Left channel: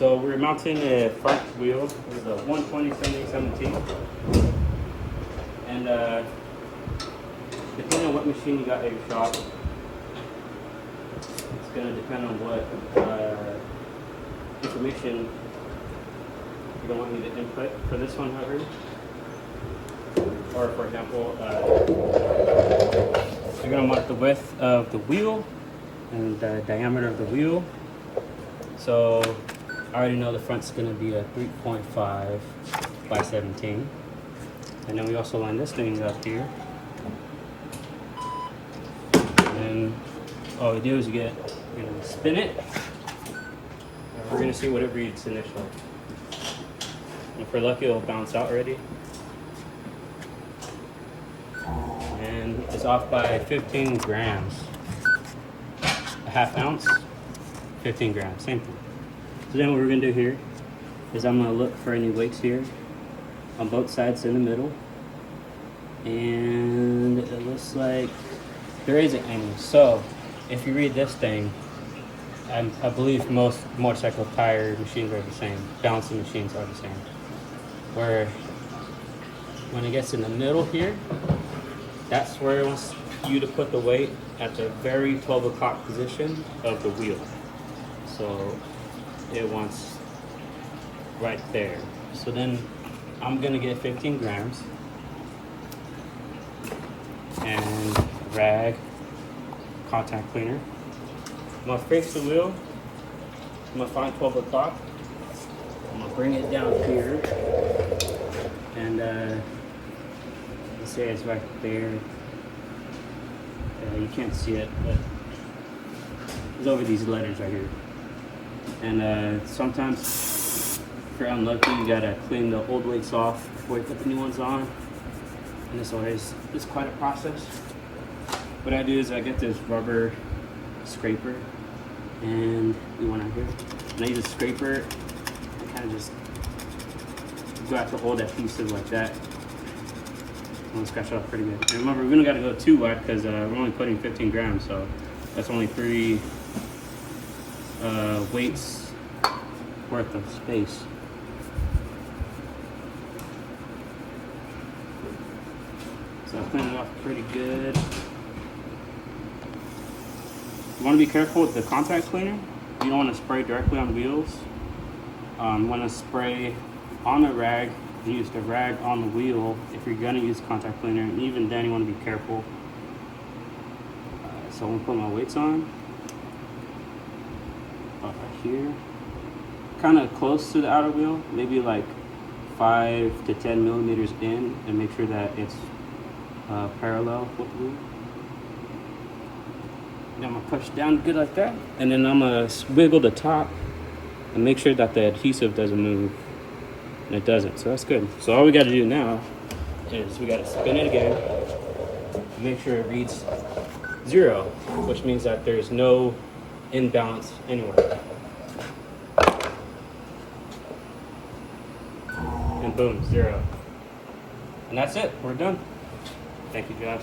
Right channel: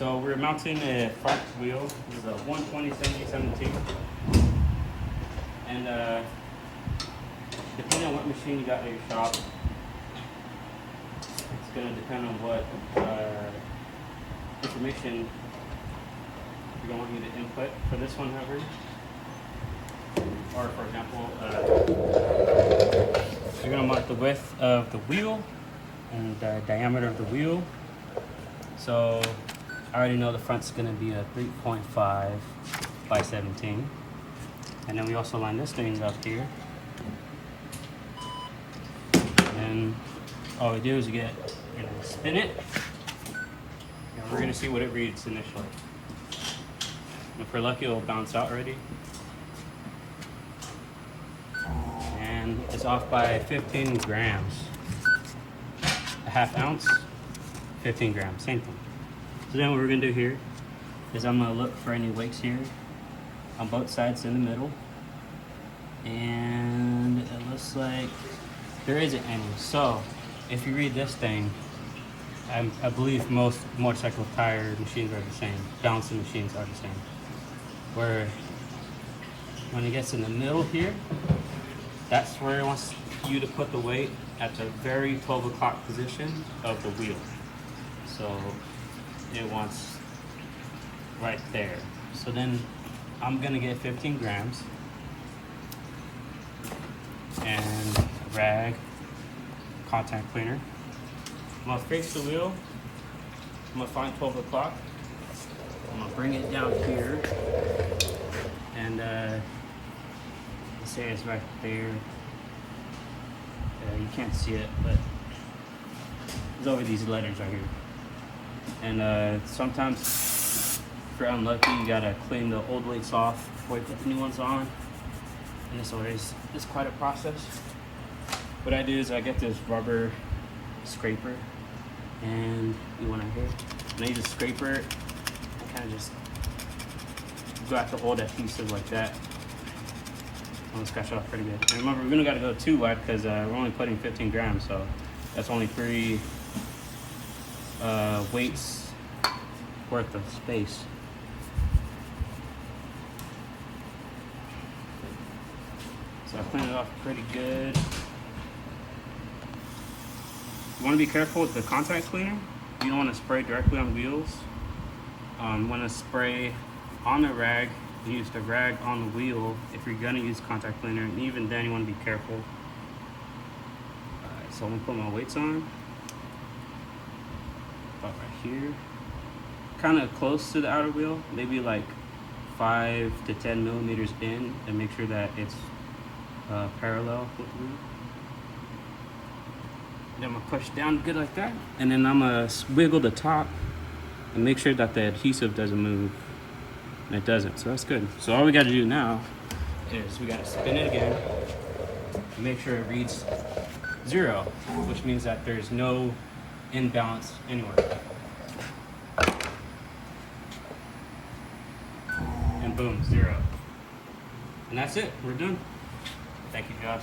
So we're mounting a front wheel with a 120/70/17, and depending on what machine you got at your shop, it's gonna depend on what information you're gonna want me to input for this one, however. Or for example, you're gonna want the width of the wheel and the diameter of the wheel. So I already know the front's gonna be a 3.5 by 17. And then we also line this thing up here. And then all we do is you're gonna spin it. And we're gonna see what it reads initially. If we're lucky, it'll bounce out already. And it's off by 15 grams. A half ounce, 15 grams, same thing. So then what we're gonna do here is I'm gonna look for any weights here on both sides in the middle. And it looks like there isn't any. So if you read this thing, I believe most motorcycle tire machines are the same. Balancing machines are the same. Where when it gets in the middle here, that's where it wants you to put the weight at the very 12 o'clock position of the wheel. So it wants right there. So then I'm gonna get 15 grams and rag contact cleaner. I'm gonna face the wheel. I'm gonna find 12 o'clock. I'm gonna bring it down here, and let's say it's right there. You can't see it, but it's over these letters right here. And sometimes, if you're unlucky, you gotta clean the old weights off before you put the new ones on. And it's quite a process. What I do is I get this rubber scraper, and you want to here, and I use a scraper and kind of just go after old adhesive like that. I'm gonna scratch it off pretty good. And remember, we don't gotta go too wide because we're only putting 15 grams, so that's only 3 weights worth of space. So I cleaned it off pretty good. You want to be careful with the contact cleaner. You don't want to spray directly on wheels. You want to spray on the rag. You use the rag on the wheel if you're going to use contact cleaner. And even then, you want to be careful. So I'm going to put my weights on. About right here. Kind of close to the outer wheel. Maybe like 5 to 10 millimeters in. And make sure that it's parallel with the wheel. Then I'm gonna push down good like that, and then I'm gonna wiggle the top and make sure that the adhesive doesn't move, and it doesn't, so that's good. So all we gotta do now is we gotta spin it again and make sure it reads 0, which means that there's no imbalance anywhere. And boom, 0. And that's it, we're done. Thank you, Josh.